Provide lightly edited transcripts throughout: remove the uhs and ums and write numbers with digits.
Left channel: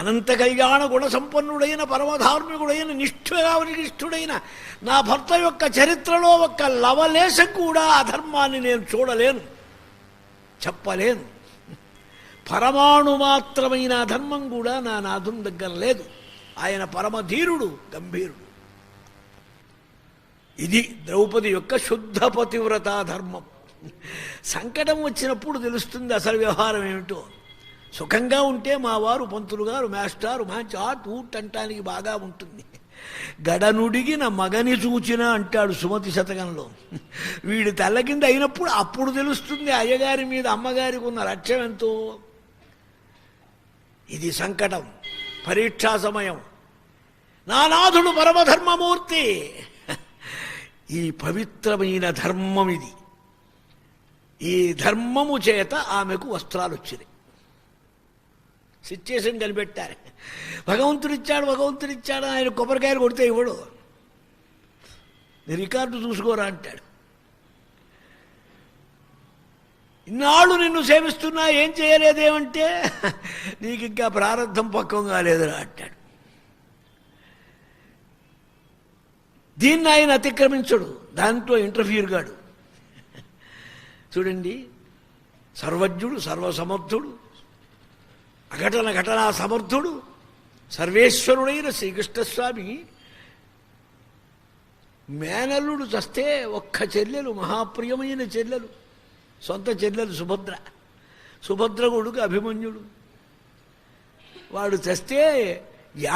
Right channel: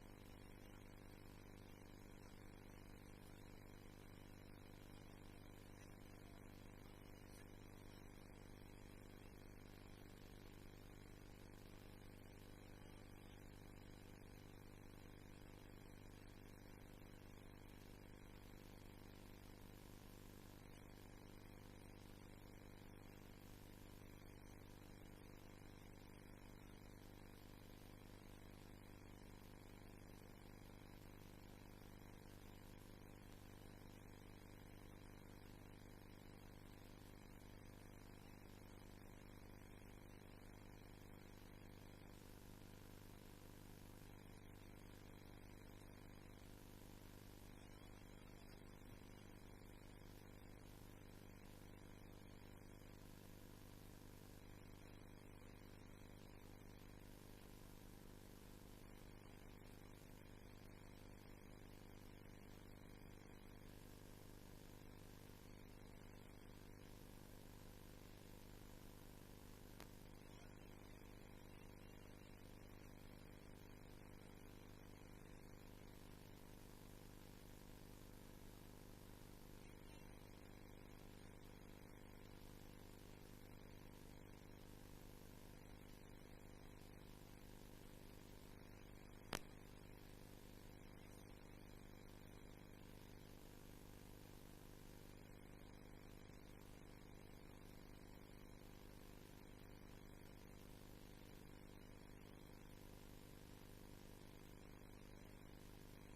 అనంత కళ్యాణ గుణ సంపన్నుడైన పరమధార్మికుడైన నిష్ఠుడైన నా భర్త యొక్క చరిత్రలో ఒక్క లవలేశం కూడా అధర్మాన్ని నేను చూడలేను, చెప్పలేను. పరమాణు మాత్రమైన అధర్మం కూడా నా నాథుని దగ్గర లేదు. ఆయన పరమధీరుడు, గంభీరుడు. ఇది ద్రౌపది యొక్క శుద్ధ పతివ్రతా ధర్మం. సంకటం వచ్చినప్పుడు తెలుస్తుంది అసలు వ్యవహారం ఏమిటో. సుఖంగా ఉంటే మా వారు పంతులు గారు మాస్టారు మంచి ఆట్ ఊట్ అంటానికి బాగా ఉంటుంది. గడనుడిగిన మగని చూచిన అంటాడు సుమతి శతకంలో. వీడి తల్ల కింద అయినప్పుడు అప్పుడు తెలుస్తుంది అయ్యగారి మీద అమ్మగారికి ఉన్న లక్ష్యం ఎంతో. ఇది సంకటం, పరీక్షా సమయం. నానాథుడు పరమధర్మమూర్తి. ఈ పవిత్రమైన ధర్మం ఇది. ఈ ధర్మము చేత ఆమెకు వస్త్రాలు వచ్చినాయి. సిచ్యుయేషన్ కనిపెట్టారు. భగవంతుడిచ్చాడు ఆయన కొబ్బరికాయలు కొడితే ఇవ్వడు. రికార్డు చూసుకోరా అంటాడు. ఇన్నాళ్ళు నిన్ను సేవిస్తున్నా ఏం చేయలేదేమంటే నీకు ఇంకా ప్రారంధం పక్వం కాలేదురా అంటాడు. దీన్ని ఆయన అతిక్రమించడు, దాంట్లో ఇంటర్ఫియర్ కాడు. చూడండి, సర్వజ్ఞుడు, సర్వసమర్థుడు, ఘటనా సమర్థుడు, సర్వేశ్వరుడైన శ్రీకృష్ణస్వామి మేనల్లుడు చస్తే ఒక్క చెల్లెలు, మహాప్రియమైన చెల్లెలు, సొంత చెల్లెలు సుభద్ర కొడుకు అభిమన్యుడు. వాడు చస్తే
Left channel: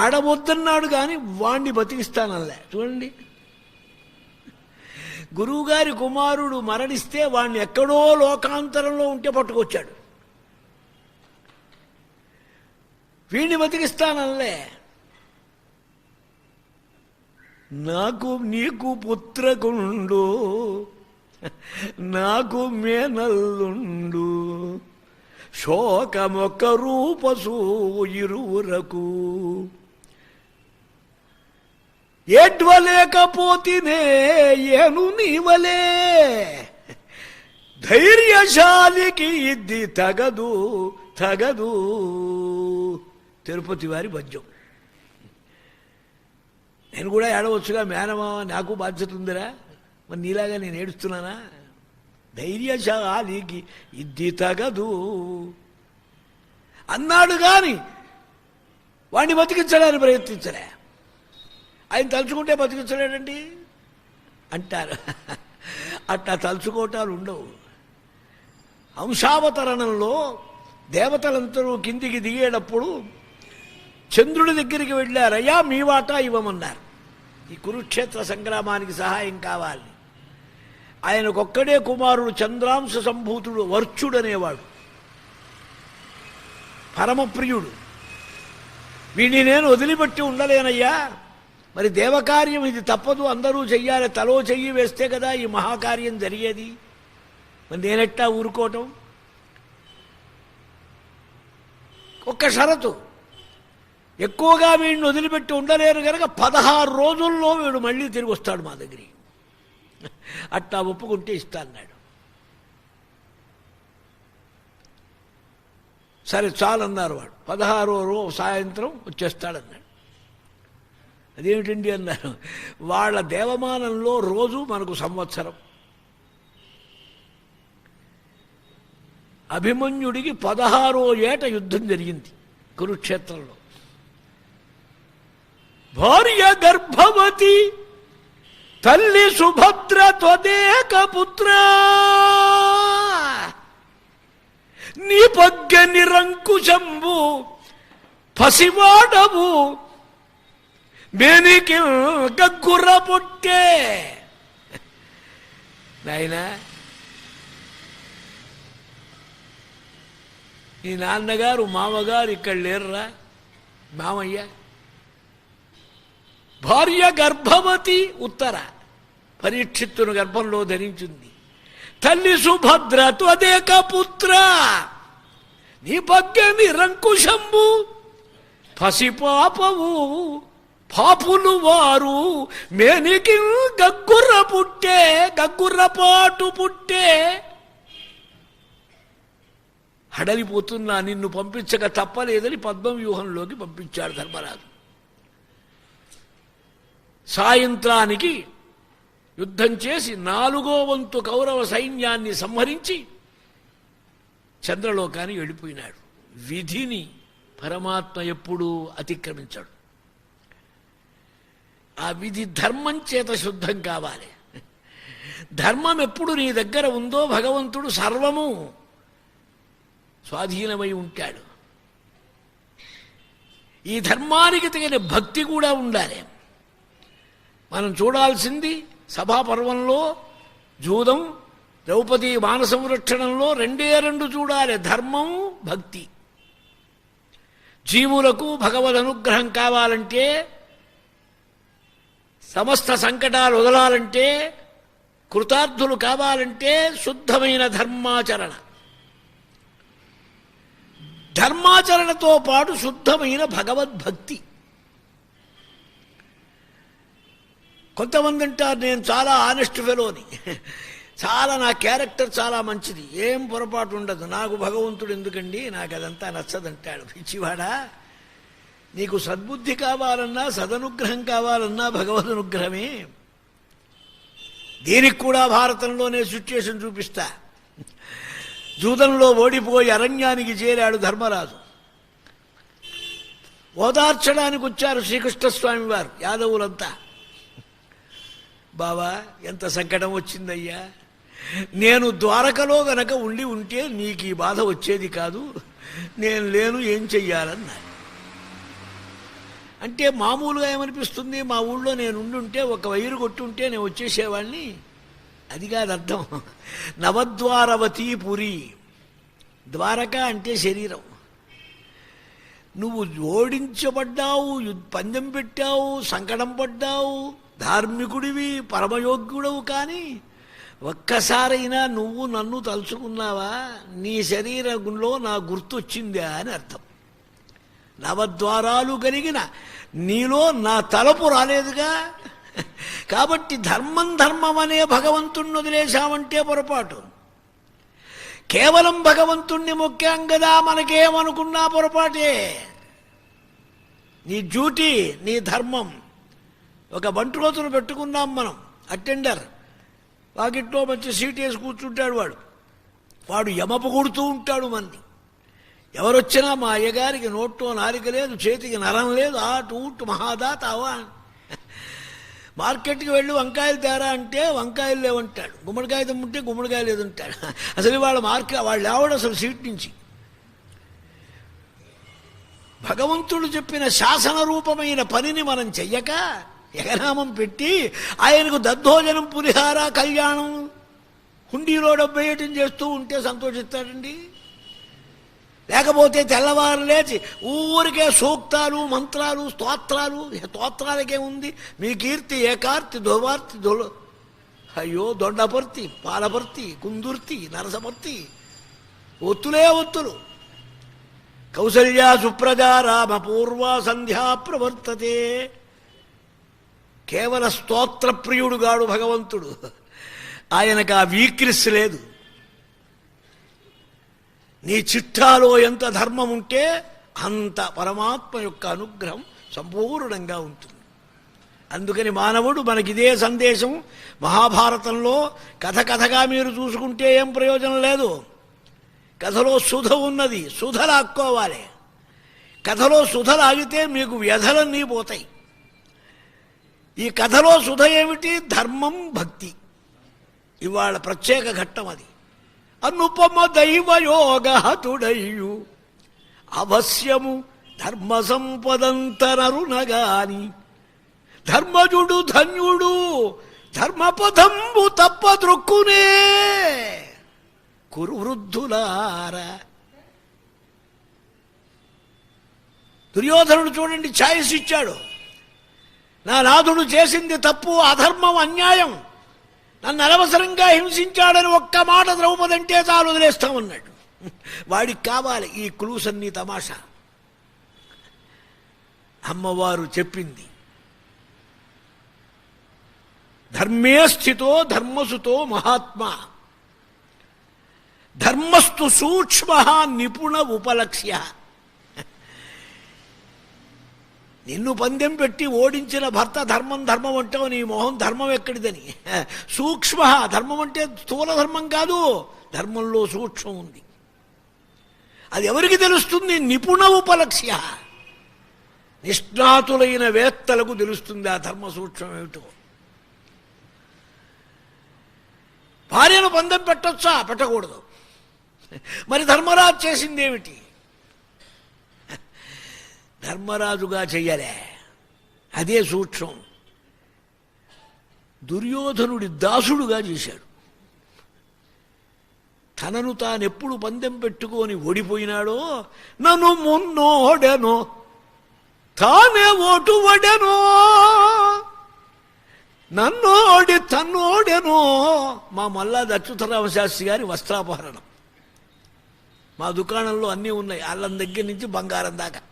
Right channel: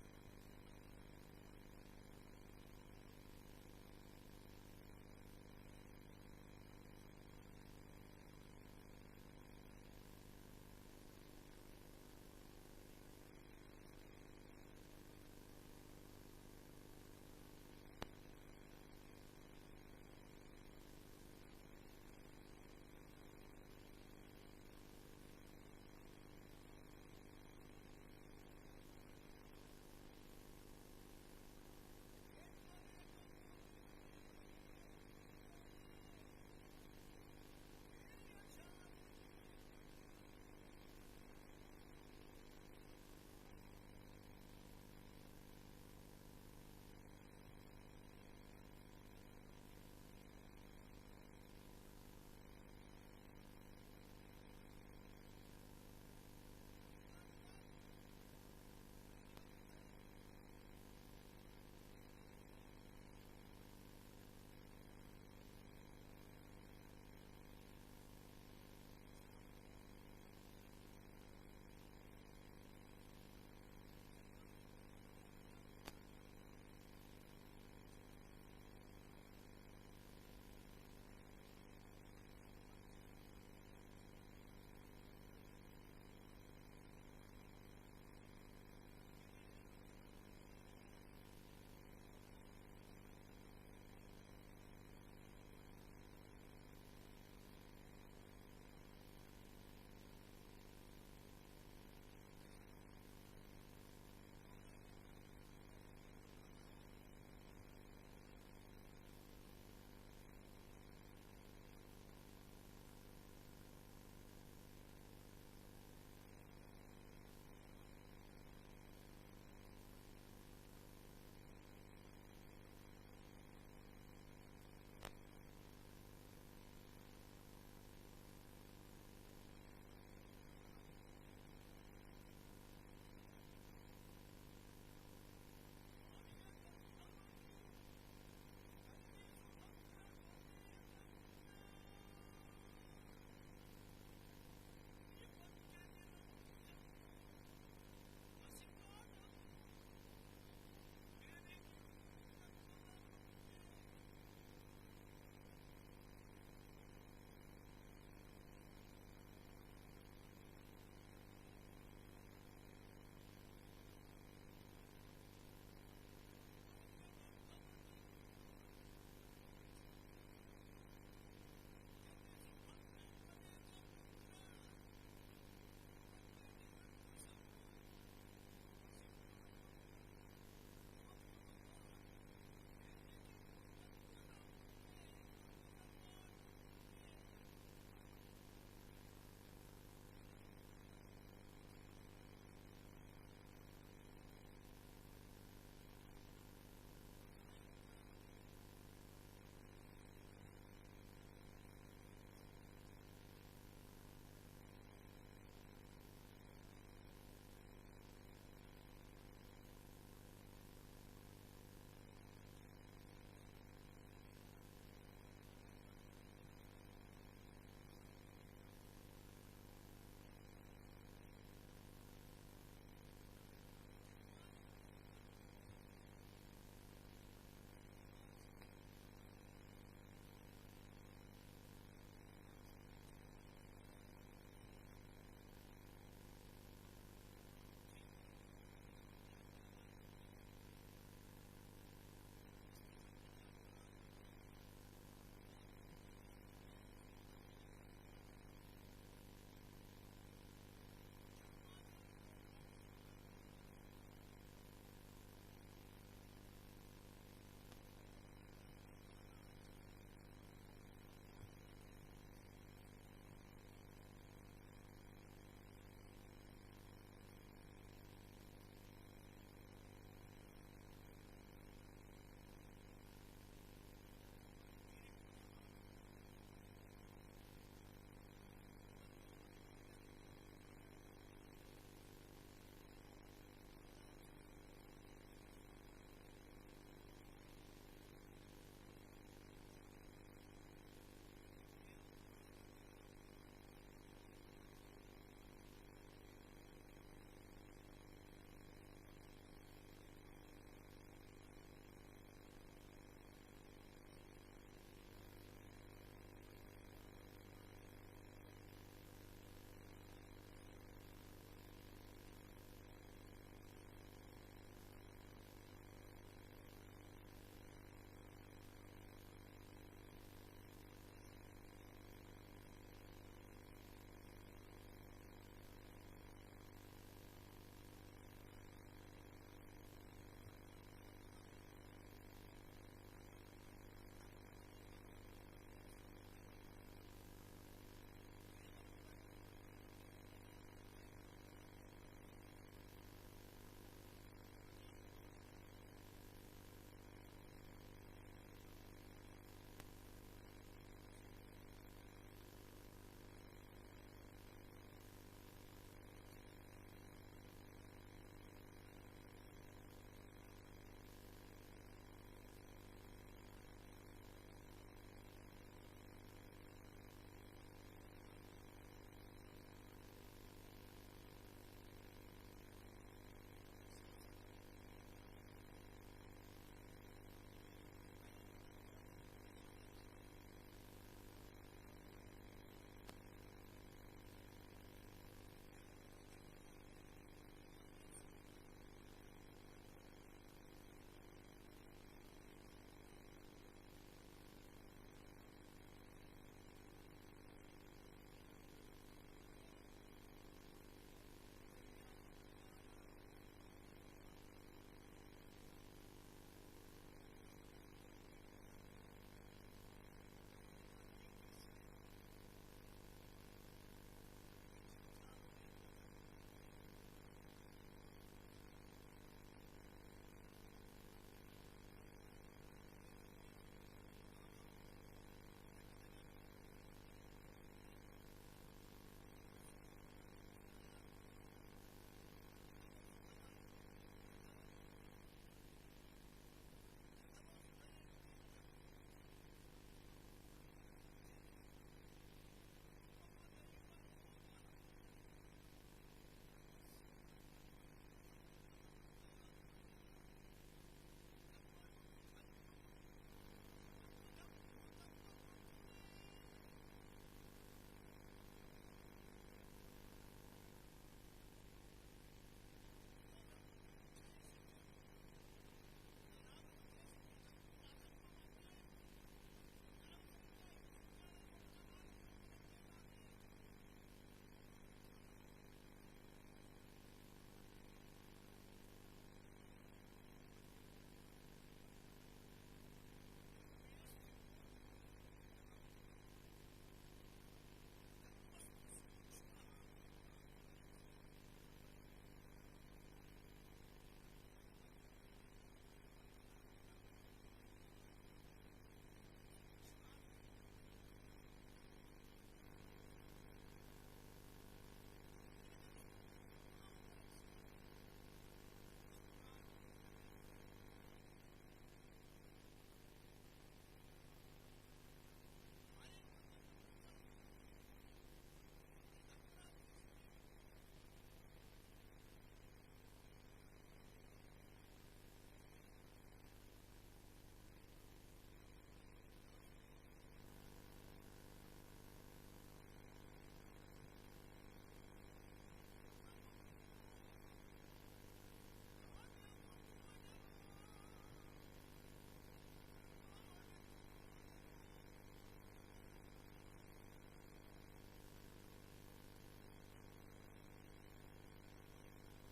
ఏడవద్దన్నాడు కానీ వాణ్ణి బతికిస్తానల్లే. చూడండి, గురువుగారి కుమారుడు మరణిస్తే వాణ్ణి ఎక్కడో లోకాంతరంలో ఉంటే పట్టుకొచ్చాడు. వీణ్ణి బతికిస్తానల్లే. నాకు నీకు పుత్రకుండు, నాకు మేనల్లుండు, శోకమొక్క రూపసూ ఇరువురకు, ఏడ్వలేకపోతినే ఏను నీవలే, ధైర్యశాలికి ఇది తగదు తగదు. తిరుపతి వారి పద్యం. నేను కూడా ఏడవచ్చుగా, మేనమా నాకు బాధ్యత ఉందిరా, మరి నీలాగా నేను ఏడుస్తున్నానా? ధైర్యశాలికి ఇది తగదు అన్నాడు కానీ వాడిని బతికించడానికి ప్రయత్నించలే. ఆయన తలుచుకుంటే బతికించలేడండి అంటారు. అట్లా తలుచుకోవటాలు ఉండవు. అంశావతరణంలో దేవతలందరూ కిందికి దిగేటప్పుడు చంద్రుడి దగ్గరికి వెళ్ళారయ్యా మీ వాటా ఇవ్వమన్నారు. ఈ కురుక్షేత్ర సంగ్రామానికి సహాయం కావాలి. ఆయనకొక్కడే కుమారుడు, చంద్రాంశ సంభూతుడు, వర్చుడనేవాడు, పరమప్రియుడు. వీడిని నేను వదిలిపెట్టి ఉండలేనయ్యా, మరి దేవకార్యం ఇది తప్పదు, అందరూ చెయ్యాలి, తలో చెయ్యి వేస్తే కదా ఈ మహాకార్యం జరిగేది, మరి నేనెట్టా ఊరుకోవటం? ఒక్క షరతు, ఎక్కువగా వీడిని వదిలిపెట్టి ఉండలేరు కనుక 16 రోజుల్లో వీడు మళ్ళీ తిరిగి వస్తాడు మా దగ్గరికి, అట్టా ఒప్పుకుంటే ఇస్తా అన్నాడు. సరే చాలన్నారు వాడు. 16వ రోజు సాయంత్రం వచ్చేస్తాడన్నాడు. అదేమిటండి అన్నారు. వాళ్ళ దేవమానంలో రోజు మనకు సంవత్సరం. అభిమన్యుడికి 16వ ఏట యుద్ధం జరిగింది కురుక్షేత్రంలో. భార్య గర్భవతి, తల్లి సుభద్ర త్వదేక పుత్ర, నీ పగ్గ నిరంకుశంబు పసివాడవు, మేనికి గగ్గుర్ర పుట్టే. నాయనా, ఈ నాన్నగారు మామగారు ఇక్కడ లేరురా, మామయ్య. భార్య గర్భవతి, ఉత్తర పరీక్షిత్తును గర్భంలో ధరించింది. తల్లి సుభద్ర త్వదేక పుత్ర, నీ పగ్గ నిరంకుశంబు పసిపాపవు, పాపులు వారు మేనికి గగ్గుర్ర పుట్టే, గగ్గుర్రపాటు పుట్టే. హడలిపోతున్నా నిన్ను పంపించక తప్పలేదని పద్మవ్యూహంలోకి పంపించాడు ధర్మరాజు. సాయంత్రానికి యుద్ధం చేసి 4వ వంతు కౌరవ సైన్యాన్ని సంహరించి చంద్రలోకానికి వెళ్ళిపోయినాడు. విధిని పరమాత్మ ఎప్పుడూ అతిక్రమించాడు. ఆ విధి ధర్మం చేత శుద్ధం కావాలి. ధర్మం ఎప్పుడు నీ దగ్గర ఉందో భగవంతుడు సర్వము స్వాధీనమై ఉంటాడు. ఈ ధర్మానికి తగిన భక్తి కూడా ఉండాలి. మనం చూడాల్సింది సభాపర్వంలో జూదం, ద్రౌపది మాన సంరక్షణంలో 2 చూడాలి, ధర్మం భక్తి. జీవులకు భగవద్ అనుగ్రహం కావాలంటే, సమస్త సంకటాలు వదలాలంటే, కృతార్థులు కావాలంటే శుద్ధమైన ధర్మాచరణ. ధర్మాచరణతో పాటు శుద్ధమైన భగవద్భక్తి. కొంతమంది అంటారు నేను చాలా ఆనెస్ట్ ఫెలోని, చాలా నా క్యారెక్టర్ చాలా మంచిది, ఏం పొరపాటు ఉండదు, నాకు భగవంతుడు ఎందుకండి, నాకు అదంతా నచ్చదంటాడు. పిచ్చివాడా, నీకు సద్బుద్ధి కావాలన్నా సదనుగ్రహం కావాలన్నా భగవద్ అనుగ్రహమే. దీనికి కూడా భారతంలోనే సిచ్యుయేషన్ చూపిస్తా. జూదంలో ఓడిపోయి అరణ్యానికి చేరాడు ధర్మరాజు. ఓదార్చడానికి వచ్చారు శ్రీకృష్ణస్వామి వారు, యాదవులంతా. బావా ఎంత సంకటం వచ్చిందయ్యా, నేను ద్వారకలో గనక ఉండి ఉంటే నీకు ఈ బాధ వచ్చేది కాదు, నేను లేను, ఏం చెయ్యాలన్నా. అంటే మామూలుగా ఏమనిపిస్తుంది, మా ఊళ్ళో నేను ఉండుంటే ఒక వైరు కొట్టుంటే నేను వచ్చేసేవాడిని, అది కాదు అర్థం. నవద్వారవతీ పురి, ద్వారక అంటే శరీరం. నువ్వు ఓడించబడ్డావు, పందెం పెట్టావు, సంకటం పడ్డావు, ధార్మికుడివి, పరమయోగ్యుడవు, కానీ ఒక్కసారైనా నువ్వు నన్ను తలుచుకున్నావా, నీ శరీరంలో నా గుర్తొచ్చిందా అని అర్థం. నవద్వారాలు కలిగిన నీలో నా తలపు రాలేదుగా. కాబట్టి ధర్మం ధర్మం అనే భగవంతుణ్ణి వదిలేశామంటే పొరపాటు. కేవలం భగవంతుణ్ణి మొక్కాం కదా, మనకేమనుకున్నా పొరపాటే. నీ డ్యూటీ, నీ ధర్మం. ఒక బంటురోతును పెట్టుకున్నాం మనం, అటెండర్. వాకిట్లో మంచి సీట్ వేసి కూర్చుంటాడు వాడు యమపు కొడుతూ ఉంటాడు మనని. ఎవరొచ్చినా మా అయ్యగారికి నోట్లో నారిక లేదు, చేతికి నరం లేదు, ఆటు ఊటు మహాదాత అవా. మార్కెట్కి వెళ్ళి వంకాయలు తేరా అంటే వంకాయలు లేవంటాడు, గుమ్మడికాయ తమ్ముంటే గుమ్మడికాయ లేదంటాడు. అసలు వాళ్ళు లేవడు అసలు సీట్ నుంచి. భగవంతుడు చెప్పిన శాసన రూపమైన పనిని మనం చెయ్యక ఎగనామం పెట్టి ఆయనకు దద్దోజనం, పులిహార, కళ్యాణం, హుండీలో డబ్బేయటం చేస్తూ ఉంటే సంతోషిస్తాడండి. లేకపోతే తెల్లవారు లేచి ఊరికే సూక్తాలు, మంత్రాలు, స్తోత్రాలకే ఉంది. మీ కీర్తి ఏకార్తి ధోవార్తి అయ్యో దొండపర్తి, పాలపర్తి, కుందుర్తి, నరసపర్తి, ఒత్తులే ఒత్తులు. కౌసల్యా సుప్రజా రామ పూర్వ సంధ్యా ప్రవర్తతే. కేవల స్తోత్రప్రియుడుగాడు భగవంతుడు. ఆయనకు ఆ వీక్నెస్ లేదు. నీ చిట్టాలో ఎంత ధర్మం ఉంటే అంత పరమాత్మ యొక్క అనుగ్రహం సంపూర్ణంగా ఉంటుంది. అందుకని మానవుడు మనకిదే సందేశం. మహాభారతంలో కథగా మీరు చూసుకుంటే ఏం ప్రయోజనం లేదు. కథలో సుధ ఉన్నది, సుధ లాక్కోవాలి. కథలో సుధ లాగితే మీకు వ్యధలన్నీ పోతాయి. ఈ కథలో సుధ ఏమిటి? ధర్మం, భక్తి. ఇవాళ ప్రత్యేక ఘట్టం అది. అనుపమ దైవయోగహతుడయ్యు అవశ్యము ధర్మ సంపదంతనరునగాని ధర్మజుడు ధన్యుడు ధర్మపథంబు తప్పద్రొక్కునే కురు వృద్ధులార. దుర్యోధనుడు చూడండి, ఛాయిస్ ఇచ్చాడు. నా నాథుడు చేసింది తప్పు, అధర్మం, అన్యాయం, నన్ను అనవసరంగా హింసించాడని ఒక్క మాట ద్రౌపది అంటే చాలు, వదిలేస్తామన్నాడు. వాడికి కావాలి ఈ క్లూస్ అన్నీ తమాషా. అమ్మవారు చెప్పింది, ధర్మే స్థితో ధర్మసుతో మహాత్మా. ధర్మస్తు సూక్ష్మ నిపుణ ఉపలక్ష్య. నిన్ను పందెం పెట్టి ఓడించిన భర్త ధర్మం ధర్మం అంటావు, నీ మొహం ధర్మం ఎక్కడిదని. సూక్ష్మ ధర్మం అంటే స్థూల ధర్మం కాదు, ధర్మంలో సూక్ష్మం ఉంది. అది ఎవరికి తెలుస్తుంది? నిపుణ ఉపలక్ష్య, నిష్ణాతులైన వేత్తలకు తెలుస్తుంది ఆ ధర్మ సూక్ష్మం ఏమిటో. భార్యను పందెం పెట్టొచ్చా? పెట్టకూడదు. మరి ధర్మరాజు చేసింది ఏమిటి? ధర్మరాజుగా చెయ్యాలే, అదే సూక్ష్మం. దుర్యోధనుడి దాసుడుగా చేశాడు. తనను తానెప్పుడు పందెం పెట్టుకొని ఓడిపోయినాడో, నన్ను మున్నోడెనో తానే ఓటు వడెనో, నన్నోడి తన్నోడెనో. మా మల్లాది అచ్యుతరామ శాస్త్రి గారి వస్త్రాపహరణం. మా దుకాణంలో అన్నీ ఉన్నాయి, అల్లం దగ్గర నుంచి బంగారం దాకా.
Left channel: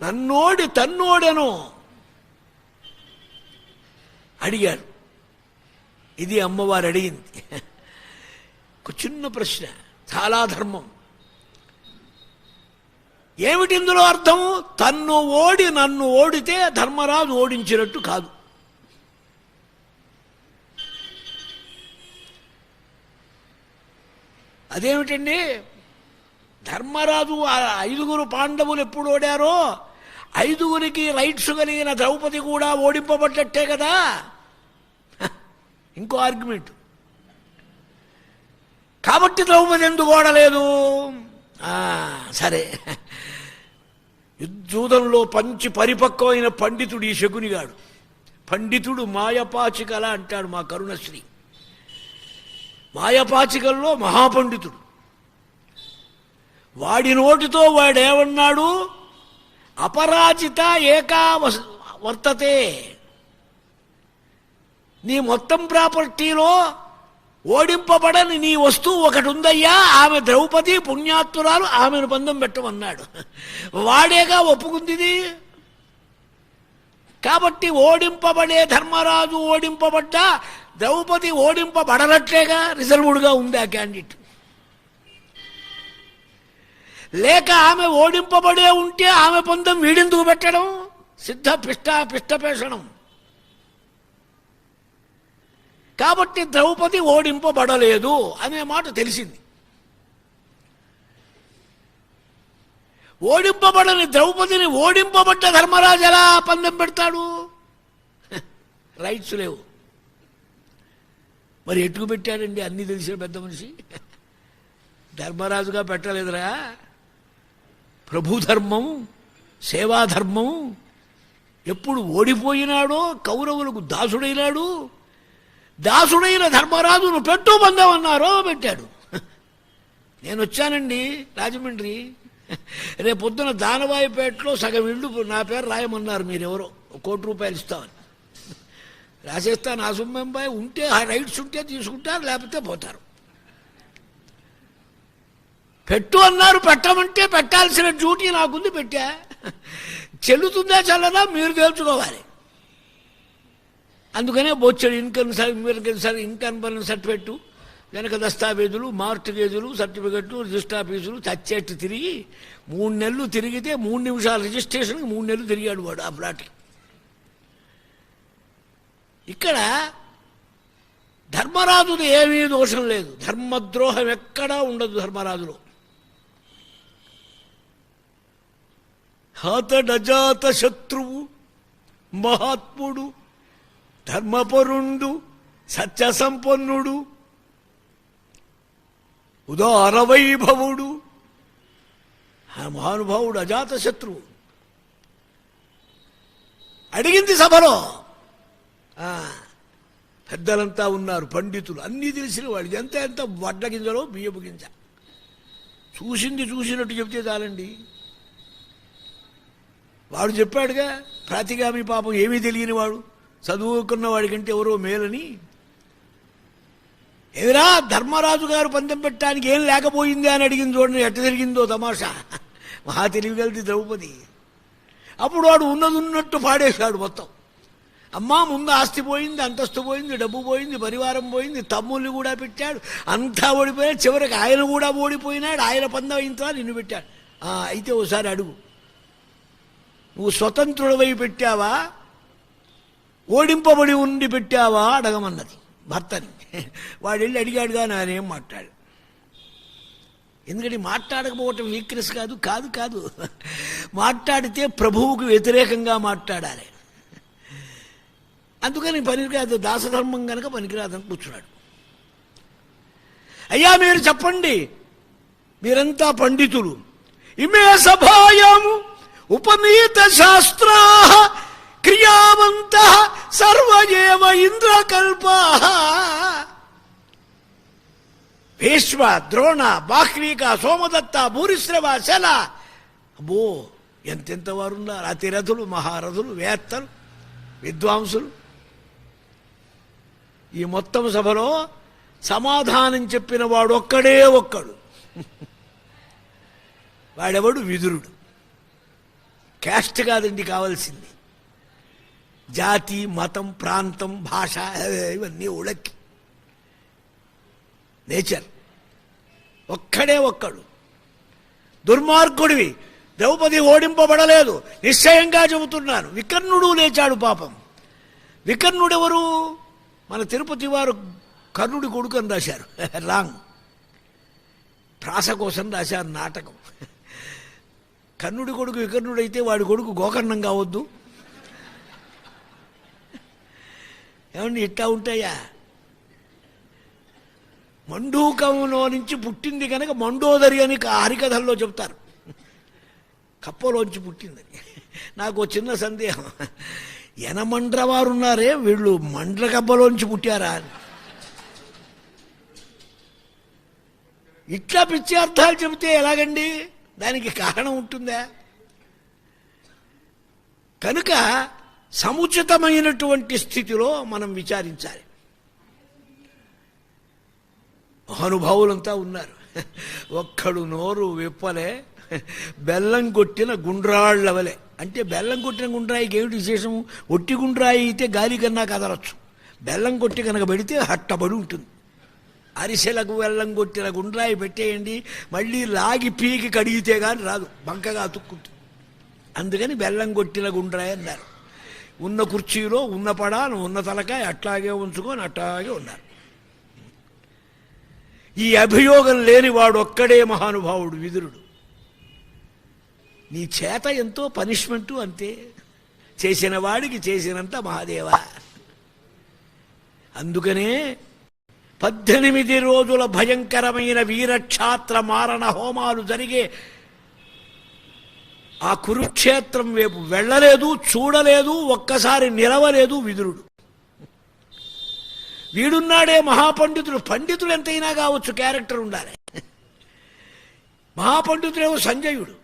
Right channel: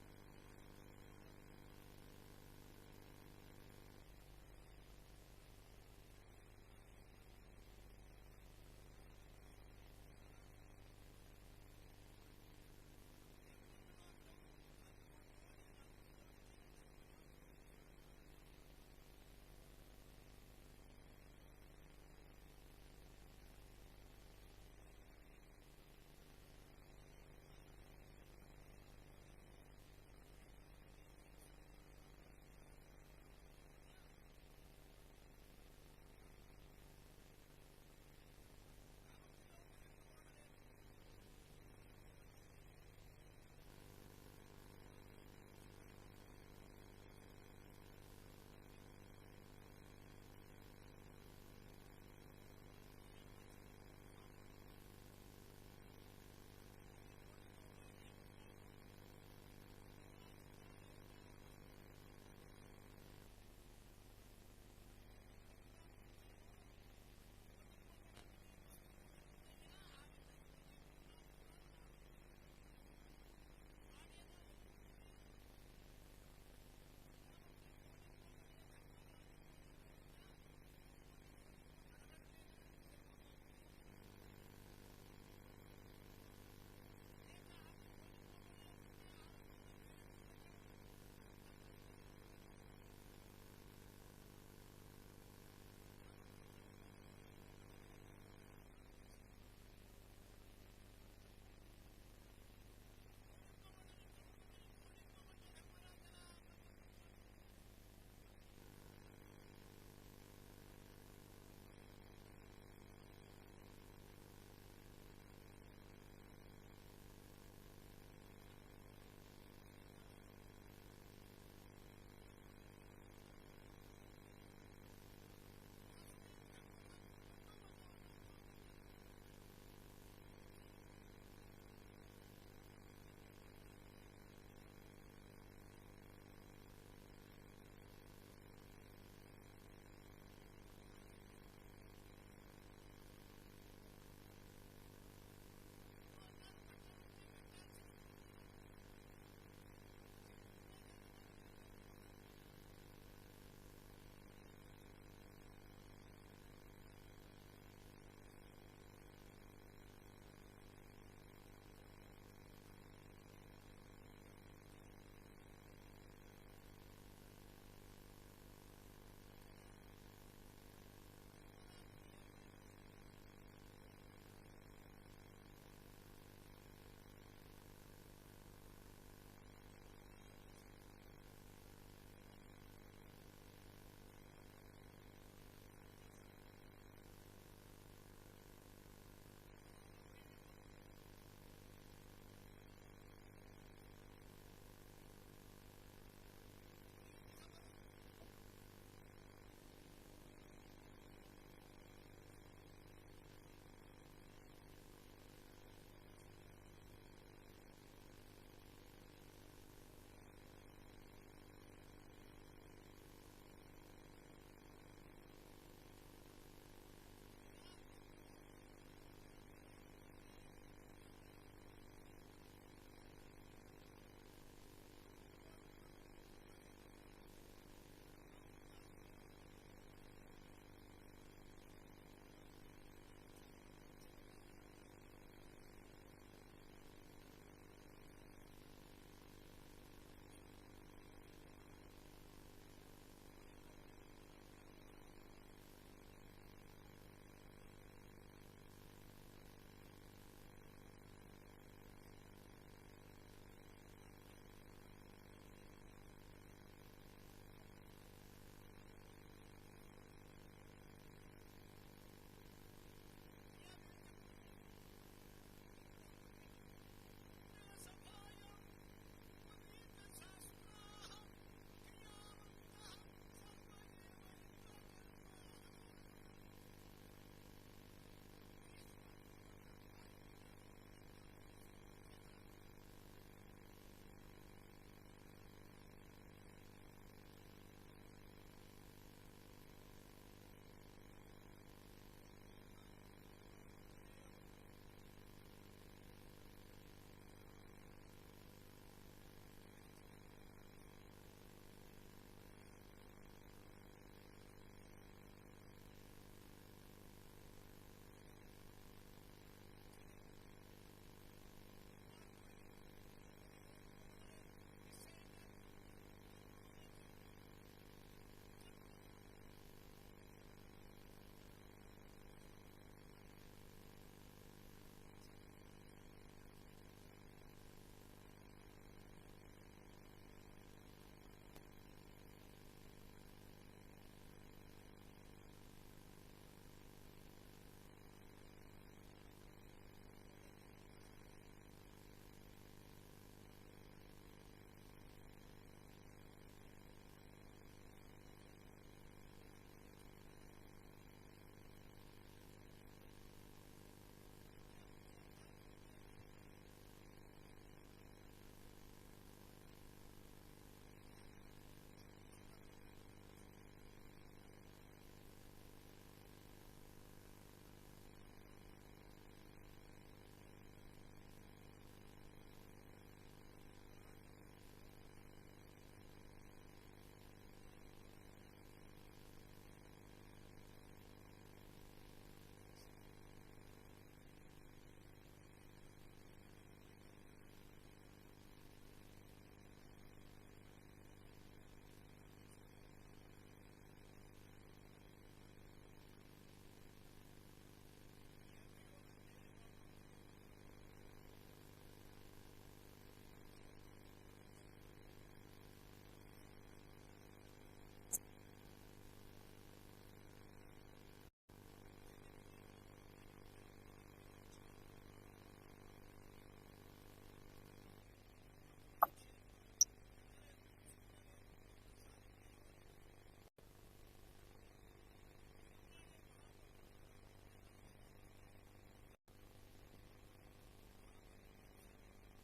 నన్నోడి తన్నోడెనో అడిగాడు. ఇది అమ్మవారు అడిగింది. ఒక చిన్న ప్రశ్న, చాలా ధర్మం. ఏమిటి ఇందులో అర్థం? తన్ను ఓడి నన్ను ఓడితే ధర్మరాజు ఓడించినట్టు కాదు. అదేమిటండి? ధర్మరాజు ఐదుగురు పాండవులు ఎప్పుడు ఓడారో ఐదుగురికి రైట్స్ కలిగిన ద్రౌపది కూడా ఓడింపబడ్డట్టే కదా. ఇంకో ఆర్గ్యుమెంట్. కాబట్టి ద్రౌపది ఎందుకు ఓడలేదు? సరే, యుద్ధూదంలో పంచి పరిపక్వమైన పండితుడు ఈ శకునిగాడు. పండితుడు మాయపాచికల అంటాడు మా కరుణశ్రీ. మాయపాచికల్లో మహాపండితుడు. వాడి నోటితో వాడేమన్నాడు? అపరాజిత ఏకా వర్తతే. నీ మొత్తం ప్రాపర్టీలో ఓడింపబడని నీ వస్తువు ఒకటి ఉందయ్యా, ఆమె ద్రౌపది పుణ్యాత్తురాలు, ఆమెను పందెం పెట్టమన్నాడు. వాడేగా ఒప్పుకుంది. కాబట్టి ఓడింపబడే ధర్మరాజు ఓడింపబడ్డా ద్రౌపది ఓడింపబడనట్లేగా, రిజర్వుడ్గా ఉంది ఆ క్యాండిడేట్. లేక ఆమె ఓడింపబడే ఉంటే ఆమె పందెం వీడెందుకు పెట్టడం? సిద్ధ పిష్టపేషణం. కాబట్టి ద్రౌపది ఓడింపబడలేదు అనే మాట తెలిసింది. ఓడింపబడని ద్రౌపదిని ఓడింపబడ్డ ధర్మరాజు ఎలా పందెం పెడతాడు? రైట్స్ లేవు. మరి ఎటుకు పెట్టాడండి? అన్నీ తెలిసిన పెద్ద మనిషి. ధర్మరాజుగా పెట్టలేదురా, ప్రభుధర్మం, సేవాధర్మం. ఎప్పుడు ఓడిపోయినాడో కౌరవులకు దాసుడైనాడు. దాసుడైన ధర్మరాజును పెట్టు పందెమన్నారో పెట్టాడు. నేను వచ్చానండి రాజమండ్రి, రేపొద్దున దానవాయిపేటలో సగం ఇళ్ళు నా పేరు రాయమన్నారు. మీరెవరో ₹1,00,00,000 ఇస్తామని రాసేస్తాను. ఆ సొమ్మెంబాయి ఉంటే ఆ రైట్స్ ఉంటే తీసుకుంటారు, లేకపోతే పోతారు. పెట్టు అన్నారు, పెట్టమంటే పెట్టాల్సిన డ్యూటీ నాకుంది, పెట్టా. చెల్లుతుందా చల్లదా మీరు తెలుసుకోవాలి. అందుకనే బొచ్చడు ఇన్కమ్ సర్టిఫికెట్, వెనక దస్తావేజులు, మార్టిగేజులు, సర్టిఫికెట్లు, రిజిస్టర్ ఆఫీసులు చచ్చేట్టు తిరిగి 3 నెలలు తిరిగితే 3 నిమిషాల రిజిస్ట్రేషన్కి 3 నెలలు తిరిగాడు వాడు ఆ ప్లాట్కి. ఇక్కడ ధర్మరాజుది ఏమీ దోషం లేదు, ధర్మద్రోహం ఎక్కడా ఉండదు ధర్మరాజులో. అతడజాత శత్రువు, మహాత్ముడు, ధర్మపరుండు, సత్య సంపన్నుడు, ఉదార వైభవుడు. ఆ మహానుభావుడు అజాత శత్రువు. అడిగింది సభలో. పెద్దలంతా ఉన్నారు, పండితులు, అన్నీ తెలిసిన వాళ్ళు. ఎంత వడ్ల గింజలో బియ్యపు గింజ. చూసింది చూసినట్టు చెప్తే చాలండి. వాడు చెప్పాడుగా, ప్రాతిగామి పాపం ఏమీ తెలియని వాడు, చదువుకున్న వాడికంటే ఎవరో మేలని. ఏమిరా ధర్మరాజు గారు పందెం పెట్టడానికి ఏం లేకపోయింది అని అడిగింది. చూడండి ఎట్ట జరిగిందో తమాషా. మహా తెలివిగలది ద్రౌపది. అప్పుడు వాడు ఉన్నది ఉన్నట్టు పాడేశాడు మొత్తం. అమ్మా ముందు ఆస్తి పోయింది, అంతస్తు పోయింది, డబ్బు పోయింది, పరివారం పోయింది, తమ్ముళ్ళు కూడా పెట్టాడు, అంతా ఓడిపోయాడు, చివరికి ఆయన కూడా ఓడిపోయినాడు, ఆయన పందం ఇంత నిన్ను పెట్టాడు. అయితే ఓసారి అడుగు, నువ్వు స్వతంత్రుడివై పెట్టావా, ఓడింపబడి ఉండి పెట్టావా అడగమన్నది భర్తని. వాడు వెళ్ళి అడిగాడుగా, నానేం మాట్లాడు. ఎందుకంటే మాట్లాడకపోవటం వీక్నెస్ కాదు, కాదు కాదు మాట్లాడితే ప్రభువుకు వ్యతిరేకంగా మాట్లాడాలి. అందుకని పనికిరాదు, దాసధర్మం కనుక పనికిరాదని కూర్చున్నాడు. అయ్యా మీరు చెప్పండి, మీరంతా పండితులు, ఇమే సభాయాము ఉపనీత శాస్త్రా క్రియావంత సర్వయేవ ఇంద్రకల్పా. భీష్మ, ద్రోణ, బాహ్లీక, సోమదత్త, భూరిశ్రవ, శల, అబ్బో ఎంతెంత వారు ఉన్నారు. అతిరథులు, మహారథులు, వేత్తలు, విద్వాంసులు. ఈ మొత్తం సభలో సమాధానం చెప్పిన వాడు ఒక్కడే ఒక్కడు. వాడెవడు? విదురుడు. క్యాస్ట్ కాదండి కావాల్సింది, జాతి, మతం, ప్రాంతం, భాష, ఇవన్నీ ఉళక్కి నేచర్. ఒక్కడే ఒక్కడు. దుర్మార్గుడివి, ద్రౌపది ఓడింపబడలేదు, నిశ్చయంగా చెబుతున్నాను. వికర్ణుడు లేచాడు పాపం. వికర్ణుడెవరు? మన తిరుపతి వారు కర్ణుడి కొడుకు అని రాశారు. రాంగ్. ప్రాస కోసం రాశారు నాటకం. కర్ణుడి కొడుకు వికర్ణుడైతే వాడి కొడుకు గోకర్ణం కావద్దు? ఏమండి ఇట్లా ఉంటాయా? మండూకంలో నుంచి పుట్టింది కనుక మండోదరి అని హరికథల్లో చెప్తారు. కప్పలోంచి పుట్టిందని. నాకు చిన్న సందేహం, యనమండ్ర వారు ఉన్నారే, వీళ్ళు మండ్ర కప్పలోంచి పుట్టారా అని. ఇట్లా పిచ్చి అర్థాలు చెబితే ఎలాగండి? దానికి కారణం ఉంటుందా? కనుక సముచితమైనటువంటి స్థితిలో మనం విచారించాలి. మహానుభావులంతా ఉన్నారు. ఒక్కడు నోరు విప్పలే, బెల్లం కొట్టిన గుండ్రాళ్ళవలే. అంటే బెల్లం కొట్టిన గుండ్రాయికి ఏమిటి విశేషం? ఒట్టి గుండ్రాయి అయితే గాలి కన్నా కదలచ్చు, బెల్లం కొట్టి కనుక పెడితే హట్టబడి ఉంటుంది. అరిసెలకు బెల్లం కొట్టిన గుండ్రాయి పెట్టేయండి, మళ్ళీ లాగి పీకి కడిగితే కానీ రాదు, బంకగా అతుక్కుంటుంది. అందుకని బెల్లం కొట్టిన గుండ్రాయి అన్నారు. ఉన్న కుర్చీలో ఉన్న పడాను ఉన్న తలకాయ అట్లాగే ఉంచుకొని అట్లాగే ఉన్నారు. ఈ అభియోగం లేనివాడు ఒక్కడే మహానుభావుడు విదురుడు. నీ చేత ఎంతో పనిష్మెంటు, అంతే. చేసిన వాడికి చేసినంత మహాదేవ. అందుకనే 18 రోజుల భయంకరమైన వీరక్షాత్ర మారణ హోమాలు జరిగే ఆ కురుక్షేత్రం వైపు వెళ్ళలేదు, చూడలేదు, ఒక్కసారి నిలవలేదు విదురుడు. వీడున్నాడే మహాపండితుడు. పండితుడు ఎంతైనా కావచ్చు, క్యారెక్టర్ ఉండాలి. మహాపండితుడేమో సంజయుడు,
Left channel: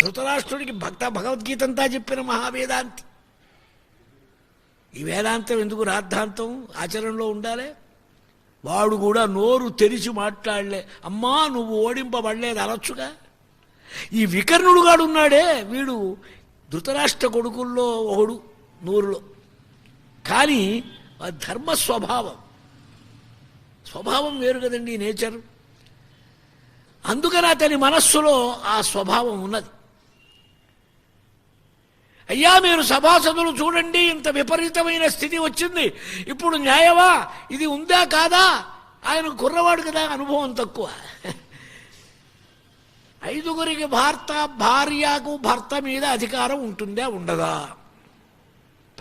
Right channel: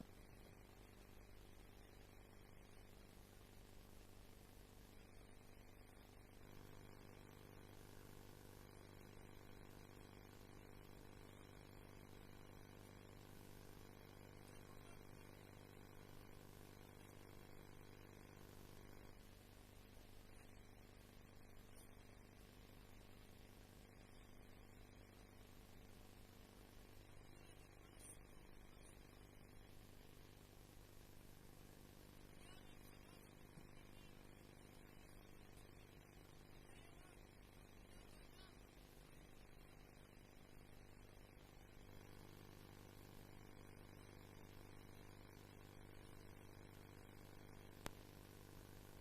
ధృతరాష్ట్రుడికి భగవద్గీత అంతా చెప్పిన మహావేదాంతి. ఈ వేదాంతం ఎందుకు రాద్ధాంతం ఆచరణలో ఉండాలి. వాడు కూడా నోరు తెరిచి మాట్లాడలే. అమ్మా నువ్వు ఓడింపబడలేదు అనొచ్చుగా. ఈ వికర్ణుడు గాడు ఉన్నాడే, వీడు ధృతరాష్ట్ర కొడుకుల్లో ఒకడు 100లో. కానీ ధర్మ స్వభావం వేరు కదండి, నేచర్. అందుకని అతని మనస్సులో ఆ స్వభావం ఉన్నది. అయ్యా మీరు సభాసదులు చూడండి, ఇంత విపరీతమైన స్థితి వచ్చింది, ఇప్పుడు న్యాయమా? ఇది ఉందా కాదా? ఆయన కుర్రవాడు కదా, అనుభవం తక్కువ. 5గురికి భార్యకు భర్త మీద అధికారం ఉంటుందా ఉండదా?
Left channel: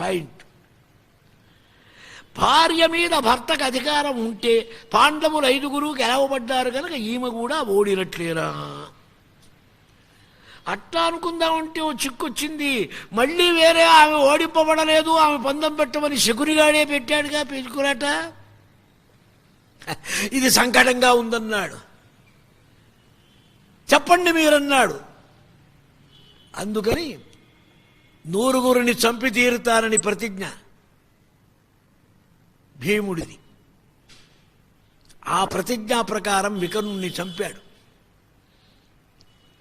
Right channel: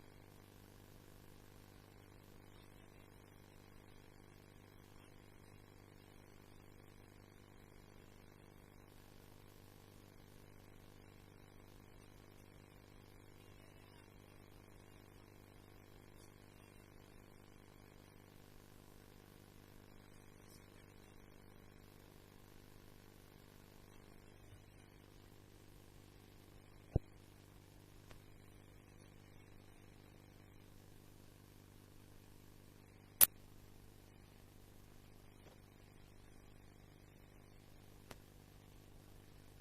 పాయింట్. భార్య మీద భర్తకు అధికారం ఉంటే పాండవులు 5గురు గెలవబడ్డారు కనుక ఈమె కూడా ఓడినట్లేరా? అట్లా అనుకుందామంటే ఓ చిక్కొచ్చింది. మళ్ళీ వేరే ఆమె ఓడింపబడలేదు, ఆమె పందెం పెట్టమని శకునిగాడే పెట్టాడుగా పెంచుకురాట. ఇది సంకటంగా ఉందన్నాడు. చెప్పండి మీరన్నాడు. అందుకని 100గురిని చంపి తీరుతానని ప్రతిజ్ఞ భీముడిది. ఆ ప్రతిజ్ఞా ప్రకారం వికర్ణుణ్ణి చంపాడు.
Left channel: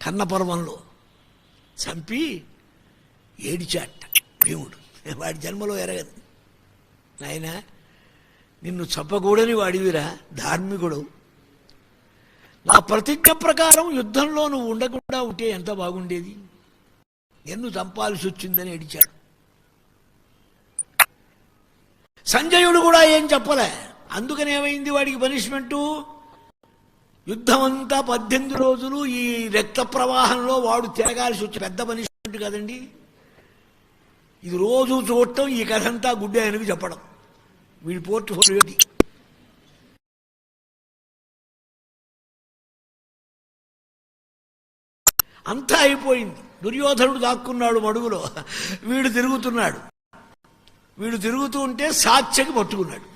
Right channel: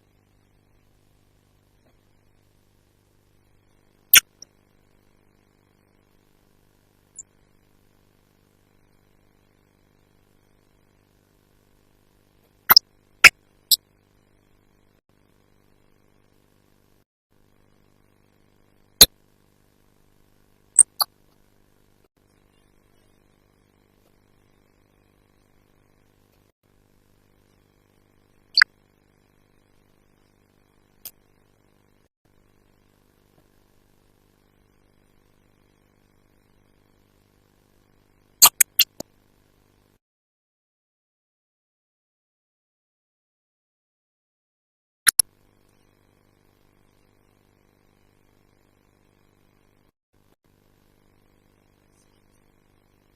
కన్నపర్వంలో చంపి ఏడిచాట భీముడు. వాడి జన్మలో ఎరగదు. ఆయన నిన్ను చంపకూడని వాడివిరా, ధార్మికుడు. నా ప్రతిజ్ఞ ప్రకారం యుద్ధంలో నువ్వు ఉండకుండా ఉంటే ఎంత బాగుండేది, నిన్ను చంపాల్సి వచ్చిందని ఏడిచాడు. సంజయుడు కూడా ఏం చెప్పలే. అందుకని ఏమైంది వాడికి పనిష్మెంటు? యుద్ధం అంతా 18 రోజులు ఈ రక్త ప్రవాహంలో వాడు తిరగాల్సి వచ్చి, పెద్ద పనిష్మెంట్ కదండి ఇది. రోజు చూడటం, ఈ కథ అంతా గుడ్డే ఆయనకు చెప్పడం, వీడి పోర్ట్ఫోలియోకి. అంతా అయిపోయింది. దుర్యోధనుడు దాక్కున్నాడు మడుగులో, వీడు తిరుగుతూ ఉంటే సాత్యకి పట్టుకున్నాడు.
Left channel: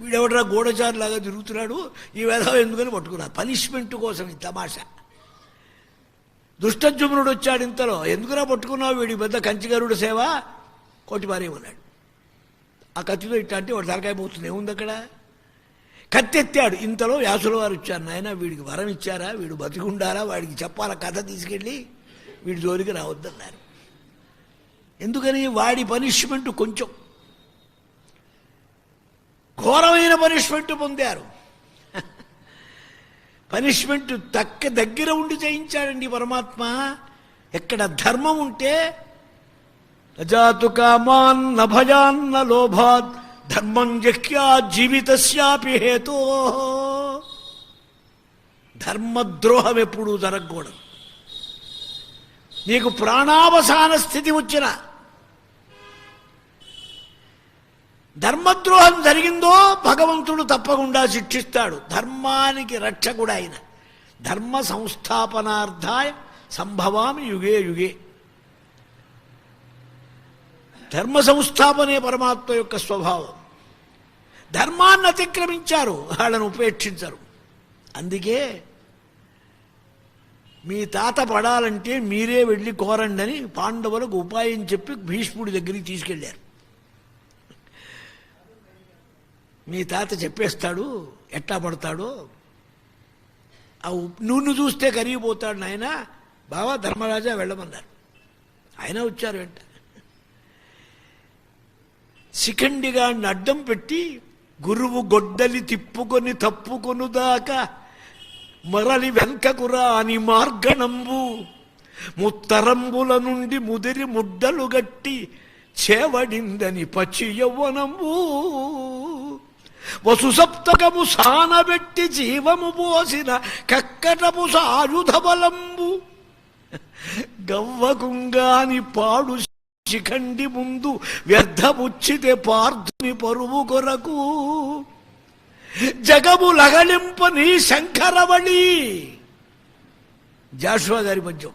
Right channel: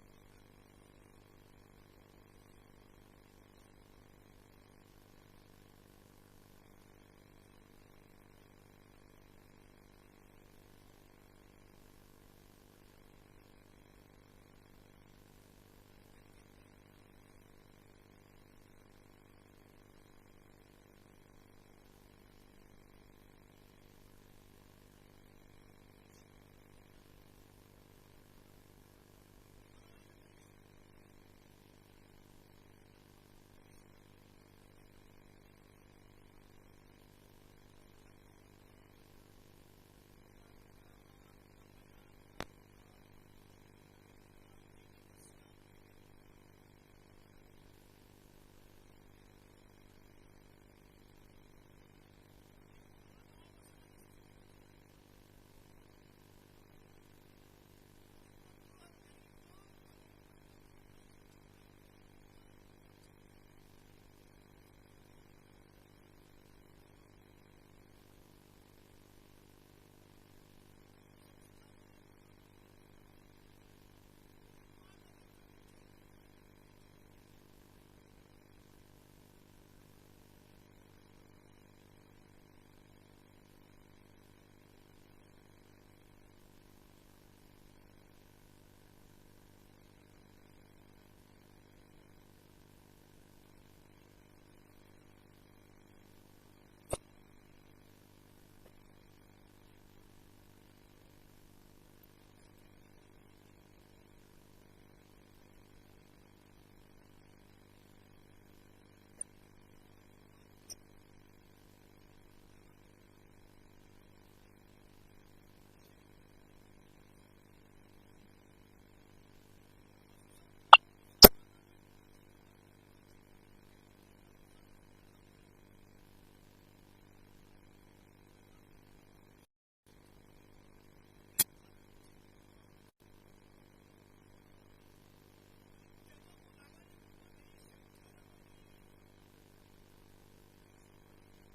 వీడెవడరా గూఢచారులాగా తిరుగుతున్నాడు, ఈ వేధం ఎందుకని పట్టుకున్నాడు. పనిష్మెంట్ కోసం ఈ తమాషా. దుష్టజుమ్నుడు వచ్చాడు ఇంతలో. ఎందుకురా పట్టుకున్నావు, వీడి పెద్ద కంచిగరుడు సేవ, కొట్టిపారేమన్నాడు. ఆ కత్తితో ఇట్లా అంటే వాడు తలకాయ పోతుంది. ఏముంది అక్కడ? కత్తెత్తాడు. ఇంతలో వ్యాసుల వారు వచ్చారు. నాయన వీడికి వరం ఇచ్చారా, వీడు బతికుండారా, వాడికి చెప్పాల కథ, తీసుకెళ్ళి వీడి జోలికి రావద్దన్నారు. ఎందుకని? వాడి పనిష్మెంట్ కొంచెం ఘోరమైన పనిష్మెంట్ పొందారు. పనిష్మెంట్ దగ్గర ఉండి చేయించాడండి పరమాత్మ. ఎక్కడ ధర్మం ఉంటే అజాతు కామాన్ నభయాన్న లోభాత్ ధర్మం జహ్యా జీవితస్యాపి హేతో. ధర్మద్రోహం ఎప్పుడూ జరగకూడదు. నీకు ప్రాణావసాన స్థితి వచ్చిన ధర్మద్రోహం జరిగిందో భగవంతుడు తప్పకుండా శిక్షిస్తాడు. ధర్మానికి రక్షకుడు ఆయన. ధర్మ సంస్థాపనార్థాయ సంభవామి యుగే యుగే. ధర్మ సంస్థాపనే పరమాత్మ యొక్క స్వభావం. ధర్మాన్ని అతిక్రమించారు, వాళ్ళను ఉపేక్షించరు. అందుకే మీ తాత పడాలంటే మీరే వెళ్ళి కోరండి అని పాండవులకు ఉపాయం చెప్పి భీష్ముడి దగ్గరికి తీసుకెళ్ళారు. మీ తాత చెప్పేస్తాడు ఎట్లా పడతాడో, ఆ నూనె చూస్తే కరిగిపోతాడు నాయన, బావా ధర్మరాజా వెళ్ళమన్నారు. ఆయన వచ్చారు వెంట. శిఖండిగా అడ్డం పెట్టి గురువు గొడ్డలి తిప్పుకొని తప్పుకొను దాకా మరలి వెంకకురా అని మార్గణంబు ముత్తరంబుల నుండి ముదిరి ముడ్డలు గట్టి చేవడిందని పచ్చి యవ్వనంబు వసుసప్తకము సానబెట్టి జీవము పోసిన కక్కటపు సాయుధ బలంబు గవ్వకుంగాని పాడు శిఖండి ముందు వ్యర్థముచ్చితే పార్థుని పరువు కొరకు జగము లగలింపని శంకరవళి. జాషువా గారి పద్యం.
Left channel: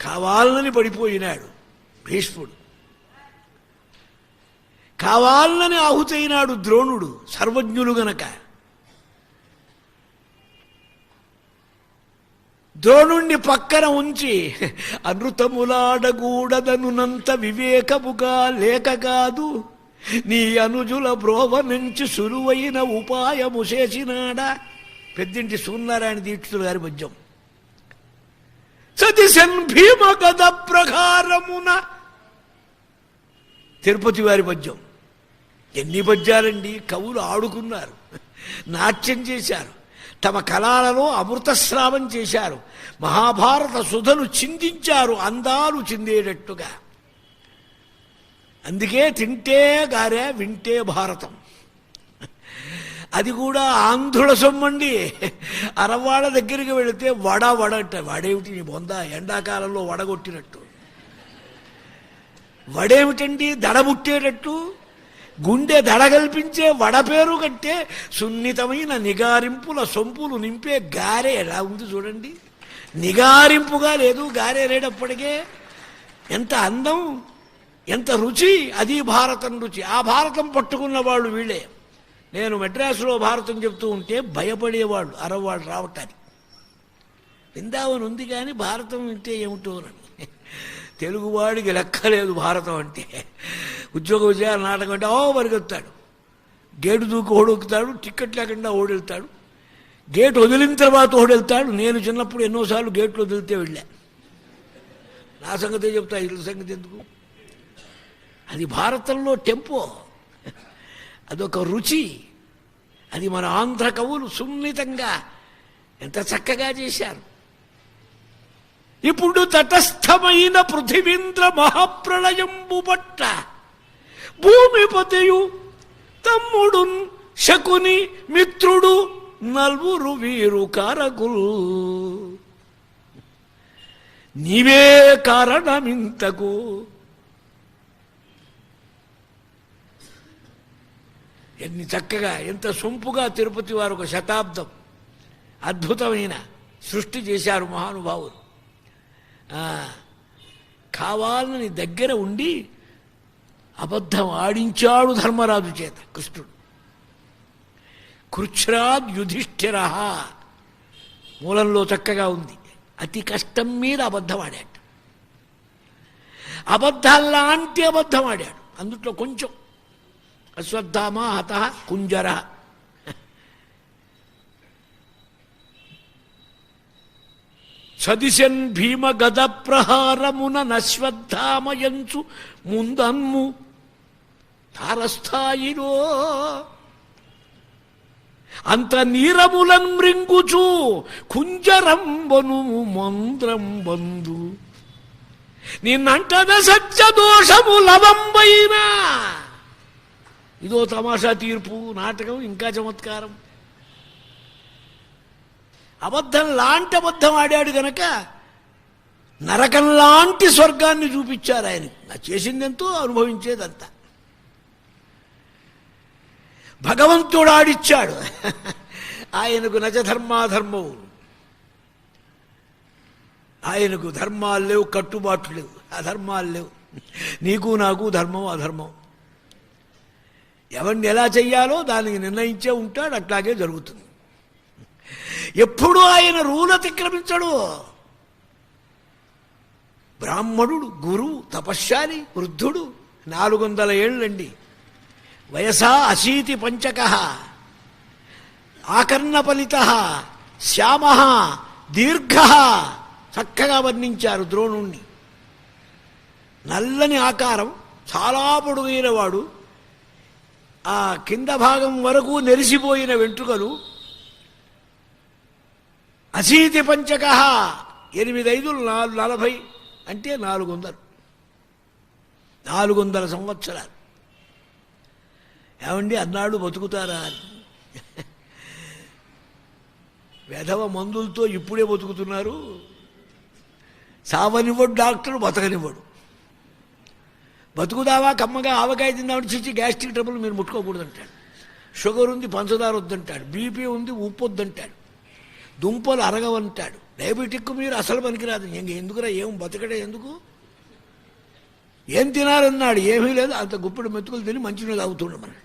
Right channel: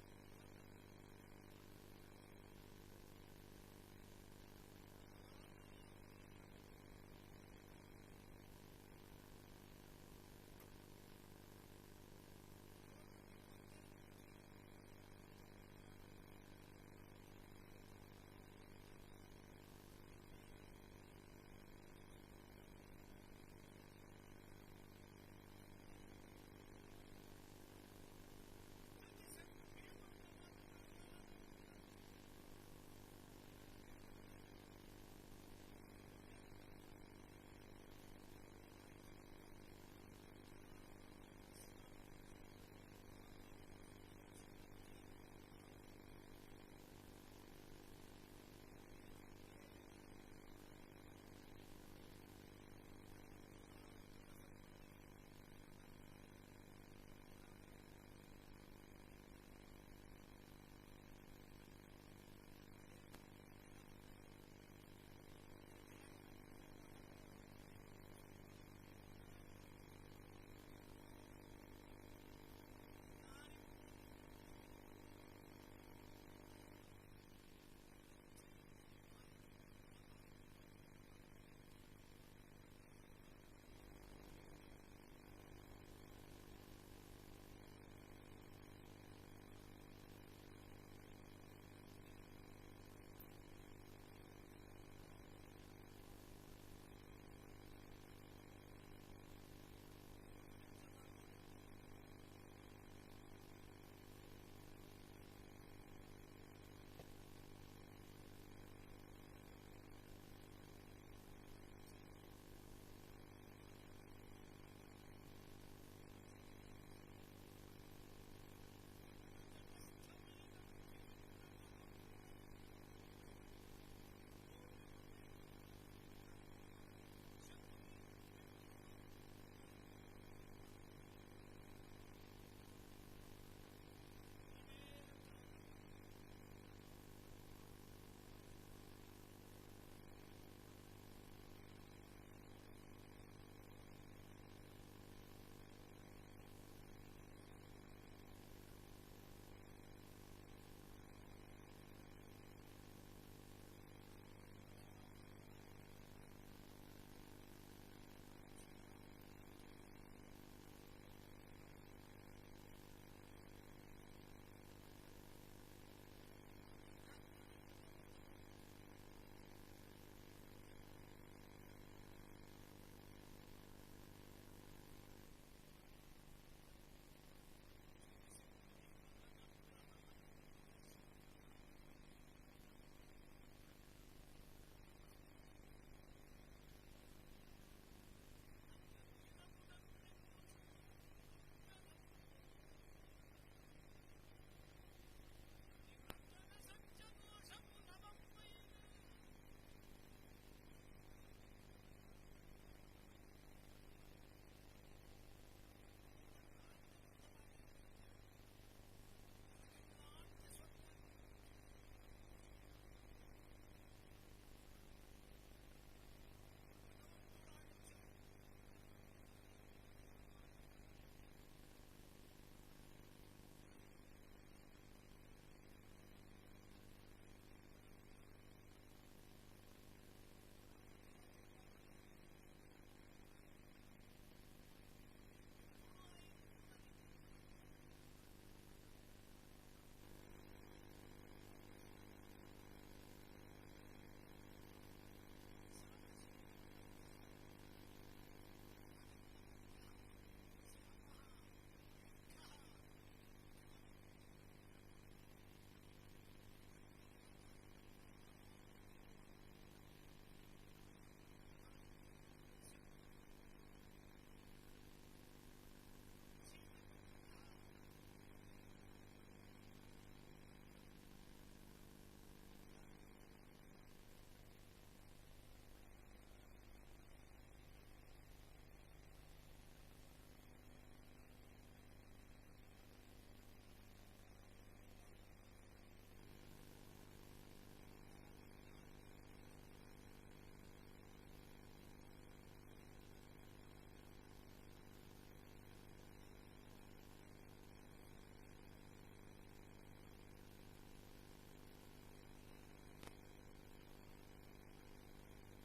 కావాలని పడిపోయినాడు భీష్ముడు, కావాలని ఆహుతైనాడు ద్రోణుడు, సర్వజ్ఞులు గనక. ద్రోణుణ్ణి పక్కన ఉంచి అనృతములాడగూడదనునంత వివేకముగా లేక కాదు నీ అనుజుల బ్రోవ నుంచి సులువైన ఉపాయము చేసినాడా. పెద్దింటి సూర్యనారాయణ దీక్షితులు గారి పద్యం. సతిశన్ భీమ గద ప్రకారమున తిరుపతి వారి పద్యం. ఎన్ని పద్యాలండి! కవులు ఆడుకున్నారు, నాట్యం చేశారు, తమ కళాలలో అమృతస్రావం చేశారు, మహాభారత సుధలు చిందించారు అందాలు చిందేటట్టుగా. అందుకే తింటే గారే వింటే భారతం. అది కూడా ఆంధ్రుల సొమ్మండి. అరవాళ్ళ దగ్గరికి వెళితే వడ అంట. వడేమిటి నీ బొంద, ఎండాకాలంలో వడగొట్టినట్టు. వడేమిటండి? దడముట్టేటట్టు. గుండె దడగల్పించే వడ పేరు కంటే సున్నితమైన నిగారింపుల సొంపులు నింపే గారె ఎలా ఉంది చూడండి. నిగారింపుగా లేదు, గారె రేటప్పటికే. ఎంత అందం, ఎంత రుచి! అది భారతం రుచి. ఆ భారతం పట్టుకున్న వాళ్ళు వీళ్ళే. నేను మెడ్రాసులో భారతం చెప్తూ ఉంటే భయపడేవాళ్ళు అరవాళ్ళు రావటానికి. బృందావనం ఉంది కానీ భారతం వింటే ఏమిటో అని. తెలుగువాడికి లెక్కలేదు భారతం అంటే. ఉద్యోగ విజయాలు నాటకం అంటే పరిగెత్తాడు, గేటు దూకి ఓడొక్కుతాడు, టిక్కెట్ లేకుండా ఓడెళ్తాడు. గేట్ వదిలిన తర్వాత ఒకడు వెళ్తాడు. నేను చిన్నప్పుడు ఎన్నోసార్లు గేట్లు వదిలితే వెళ్ళా. నా సంగతే చెప్తా, ఇళ్ళ సంగతి ఎందుకు. అది భారతంలో టెంపో, అదొక రుచి. అది మన ఆంధ్ర కవులు సున్నితంగా ఎంత చక్కగా చేశారు. ఇప్పుడు తటస్థమైన పృథివీంద్ర మహాప్రళయంబు పట్ల భూమిపతియు తమ్ముడు శకుని మిత్రుడు నల్వురు వీరు కారకులు. నీవే కారణమింతకు. ఎన్ని చక్కగా, ఎంత సొంపుగా తిరుపతి వారు ఒక శతాబ్దం అద్భుతమైన సృష్టి చేశారు మహానుభావులు. కావాలని దగ్గర ఉండి అబద్ధం ఆడించాడు ధర్మరాజు చేత కృష్ణుడు. కృచ్ఛ్రాద్ యుధిష్ఠిర మూలంలో చక్కగా ఉంది. అతి కష్టం మీద అబద్ధం ఆడాడు. అబద్ధాల్లాంటి అబద్ధం ఆడాడు. అందుట్లో కొంచెం అశ్వత్థామ హత కుంజర. సదిశన్ భీమ గద ప్రహారమున నశ్వత్థామయంచు ముందన్ము తారస్థాయిలో అంత నీరములన్ మృంగుచు కుంజరంబను మంద్రం బంధు నిన్నంటద సత్య దోషము లవంబైనా. ఇదో తమాషా తీర్పు, నాటకం, ఇంకా చమత్కారం. అబద్ధం లాంటి అబద్ధం ఆడాడు గనక నరకం లాంటి స్వర్గాన్ని చూపించారు ఆయనకి. నా చేసిందెంతో అనుభవించేదంతా భగవంతుడు ఆడిచ్చాడు. ఆయనకు నచ ధర్మాధర్మవు. ఆయనకు ధర్మాలు లేవు, కట్టుబాట్లు లేవు, అధర్మాలు లేవు. నీకు నాకు ధర్మం అధర్మం. ఎవరిని ఎలా చెయ్యాలో దానికి నిర్ణయించే ఉంటాడు, అట్లాగే జరుగుతుంది. ఎప్పుడు ఆయన రూలు అతిక్రమించడు. బ్రాహ్మణుడు, గురువు, తపశ్శాలి, వృద్ధుడు, 400 ఏళ్ళండి వయసా, అశీతి పంచక, ఆకర్ణపలిత, శ్యామ, దీర్ఘ. చక్కగా వర్ణించారు ద్రోణుణ్ణి. నల్లని ఆకారం, చాలా పొడుగైన వాడు, ఆ కింద భాగం వరకు నెరిసిపోయిన వెంట్రుకలు, అశీతి పంచక, 8 5 40 అంటే 400 సంవత్సరాలు. ఏమండి అన్నాడు బతుకుతారా అని. వెధవ మందులతో ఇప్పుడే బతుకుతున్నారు. సావనివ్వడు డాక్టర్, బతకనివ్వడు. బతుకుదావా కమ్మగా ఆవకాయ తిందామని చిచ్చి గ్యాస్ట్రిక్ ట్రబుల్ మీరు ముట్టుకోకూడదు అంటాడు. షుగర్ ఉంది, పంచదార వద్దంటాడు. బీపీ ఉంది, ఉప్పు వద్దంటాడు. దుంపలు అరగవంటాడు. డయాబెటిక్ మీరు అసలు పనికిరాదు. ఎందుకురా, ఏం బతకడే ఎందుకు, ఏం తినాలన్నాడు. ఏమీ లేదు, అంత గుప్పెడు మెతుకులు తిని మంచినీళ్ళు తాగుతుండ మనం.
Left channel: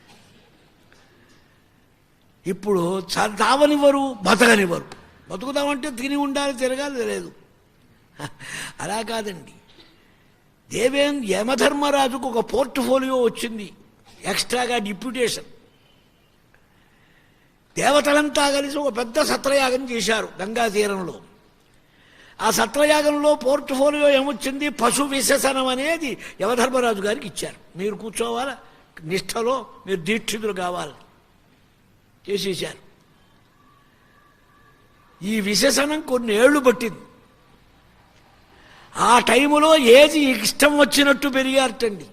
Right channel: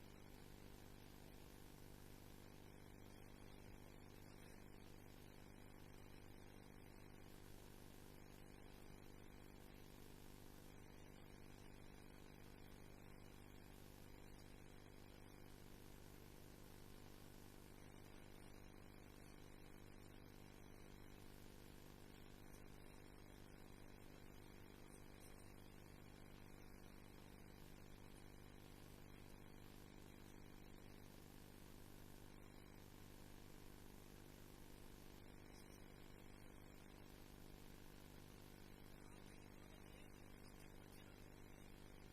ఇప్పుడు తావనివ్వరు, బతకనివ్వరు. బతుకుదామంటే తిని ఉండాలి, తిరగాలి, లేదు. అలా కాదండి. యమధర్మరాజుకు ఒక పోర్ట్ఫోలియో వచ్చింది, ఎక్స్ట్రాగా డిప్యూటేషన్. దేవతలంతా కలిసి ఒక పెద్ద సత్రయాగం చేశారు గంగా తీరంలో. ఆ సత్రయాగంలో పోర్ట్ఫోలియో ఏమొచ్చింది, పశు విశేషణం అనేది యమధర్మరాజు గారికి ఇచ్చారు. మీరు కూర్చోవాలా, నిష్ఠలో మీరు దీక్షితులు కావాలి, చేసేశారు. ఈ విశేషణం కొన్ని ఏళ్ళు పట్టింది. ఆ టైములో ఏది ఇష్టం వచ్చినట్టు పెరిగారటండి.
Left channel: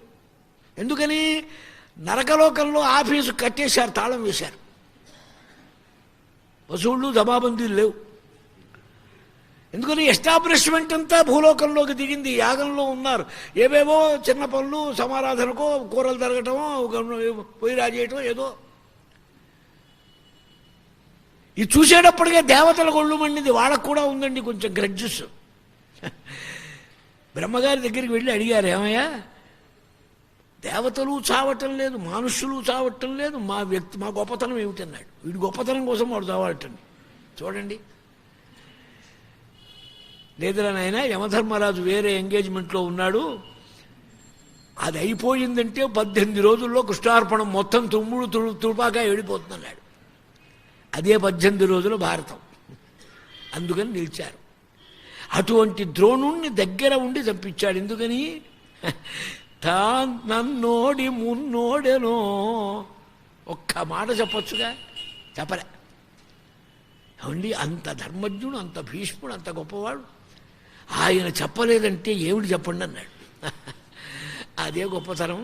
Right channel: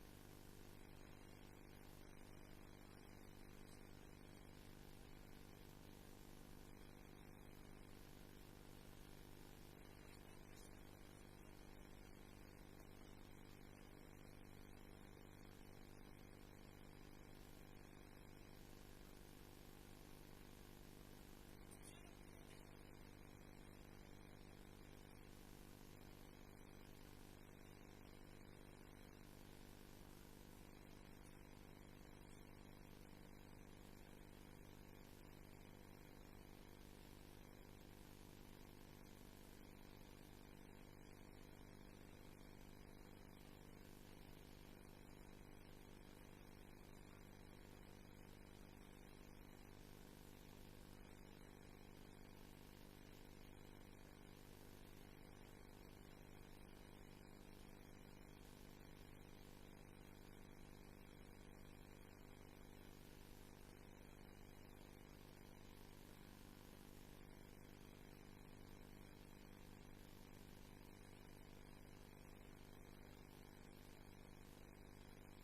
ఎందుకని, నరకలోకంలో ఆఫీసు కట్టేశారు, తాళం వేశారు. వసూళ్ళు జమాబందీలు లేవు. ఎందుకని ఎస్టాబ్లిష్మెంట్ అంతా భూలోకంలోకి దిగింది. యాగంలో ఉన్నారు. ఏవేవో చిన్న పనులు, సమారాధనకో, కూరలు తరగటమో, పొయ్యి రాజేయటమో ఏదో. ఇది చూసేటప్పటికే దేవతల ఒళ్ళు మండింది. వాళ్ళకు కూడా ఉందండి కొంచెం గ్రడ్జెస్. బ్రహ్మగారి దగ్గరికి వెళ్ళి అడిగారు, ఏమయ్యా, దేవతలు చావటం లేదు, మనుషులు చావటం లేదు, మా గొప్పతనం ఏమిటన్నాడు. వీడి గొప్పతనం కోసం వాడు చావటండి. చూడండి. లేదురా నాయన, యమధర్మరాజు వేరే ఎంగేజ్మెంట్లో ఉన్నాడు, అది అయిపోయిందంటే 18 రోజుల్లో కృష్ణార్పణం మొత్తం తుపాగా వెళ్ళిపోతుందన్నాడు. అదే 18 రోజుల భారతం. అందుకని నిలిచారు. అటువంటి ద్రోణుణ్ణి దగ్గర ఉండి చంపించాడు. ఎందుకని? నన్నోడి మున్నోడెనో ఒక్క మాట చెప్పొచ్చుగా, చెప్పలే. అవండి అంత ధర్మజ్ఞుడు, అంత భీష్ముడు, అంత గొప్పవాడు. ఆయన చెప్పలేదంటే ఏమిటి చెప్పండి అన్నాడు. అదే గొప్పతనం.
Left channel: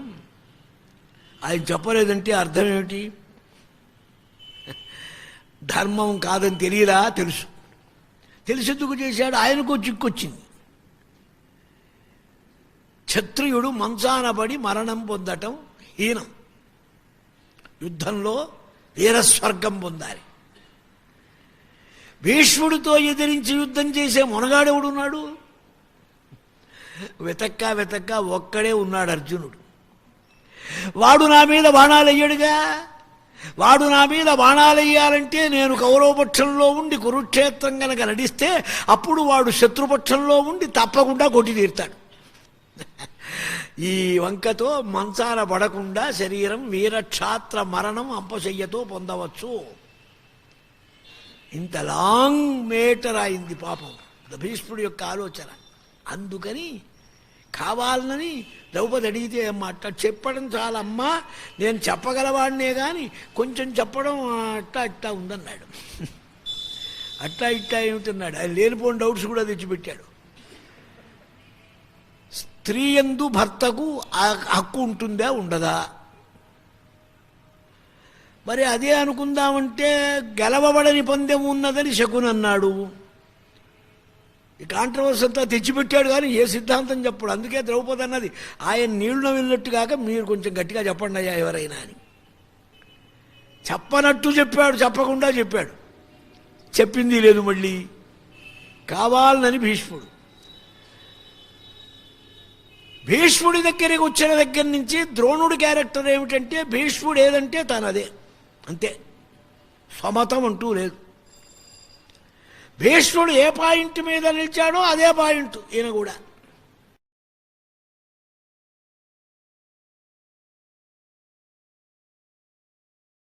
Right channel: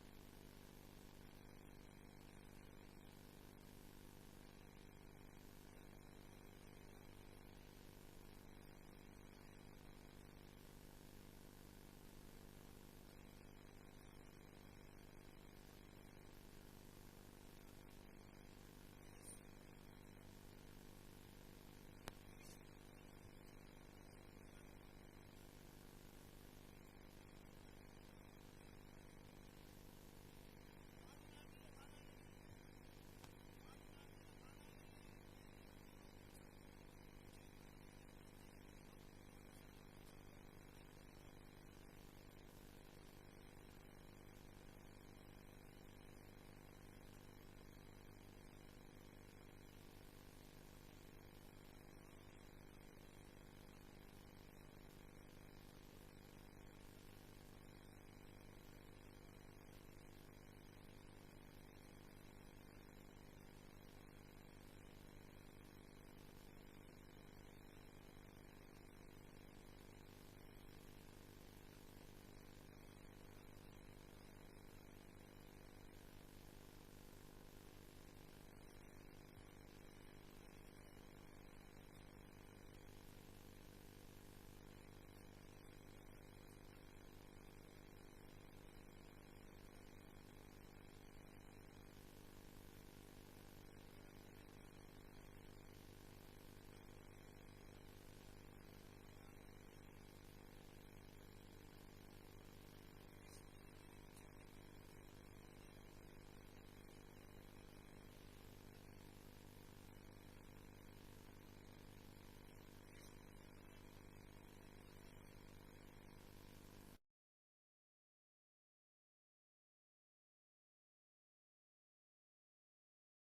ఆయన చెప్పలేదంటే అర్థం ఏమిటి? ధర్మం కాదని తెలియదా? తెలుసు. తెలిసేందుకు చేశాడు. ఆయనకు చిక్కొచ్చింది. క్షత్రియుడు మంచాన పడి మరణం పొందటం హీనం. యుద్ధంలో వీరస్వర్గం పొందాలి. భీష్ముడితో ఎదిరించి యుద్ధం చేసే మొనగాడెవడున్నాడు? వెతక్క ఒక్కడే ఉన్నాడు, అర్జునుడు. వాడు నా మీద బాణాలు వేయడుగా. వాడు నా మీద బాణాలు వేయాలంటే నేను కౌరవపక్షంలో ఉండి కురుక్షేత్రం కనుక నడిస్తే అప్పుడు వాడు శత్రుపక్షంలో ఉండి తప్పకుండా కొట్టి తీరుతాడు. ఈ వంకతో మంచాన పడకుండా శరీరం వీరక్షాత్ర మరణం అంపశయ్యతో పొందవచ్చు. ఇంత లాంగ్ మేటర్ అయింది పాపం భీష్ముడి యొక్క ఆలోచన. అందుకని కావాలని ద్రౌపది అడిగితే మాట చెప్పడం చాలమ్మా, నేను చెప్పగలవాడినే కానీ కొంచెం చెప్పడం అట్టా ఉందన్నాడు. అట్టా ఏమిటన్నాడు? ఆయన లేనిపోయిన డౌట్స్ కూడా తెచ్చిపెట్టాడు. స్త్రీ యందు భర్తకు హక్కు ఉంటుందా ఉండదా? మరి అదే అనుకుందామంటే గెలవబడని పందెం ఉన్నదని శకుని అన్నాడు. ఈ కాంట్రవర్సీ అంతా తెచ్చిపెట్టాడు కానీ ఏ సిద్ధాంతం చెప్పడు. అందుకే ద్రౌపది అన్నది ఆయన నీళ్లు వెళ్ళినట్టు కాక మీరు కొంచెం గట్టిగా చెప్పండి అయ్యా ఎవరైనా అని. చెప్పనట్టు చెప్పాడు, చెప్పకుండా చెప్పాడు. చెప్పింది లేదు మళ్ళీ కావాలని భీష్ముడి దగ్గరికి వచ్చిన దగ్గర నుంచి ద్రోణుడి క్యారెక్టర్ ఏమిటంటే భీష్ముడు ఏదంటే తనదే, అంతే. సమతం అంటూ లేదు. భీష్ముడు ఏ పాయింట్ మీద నిలిచాడో అదే పాయింట్ ఈయన కూడా.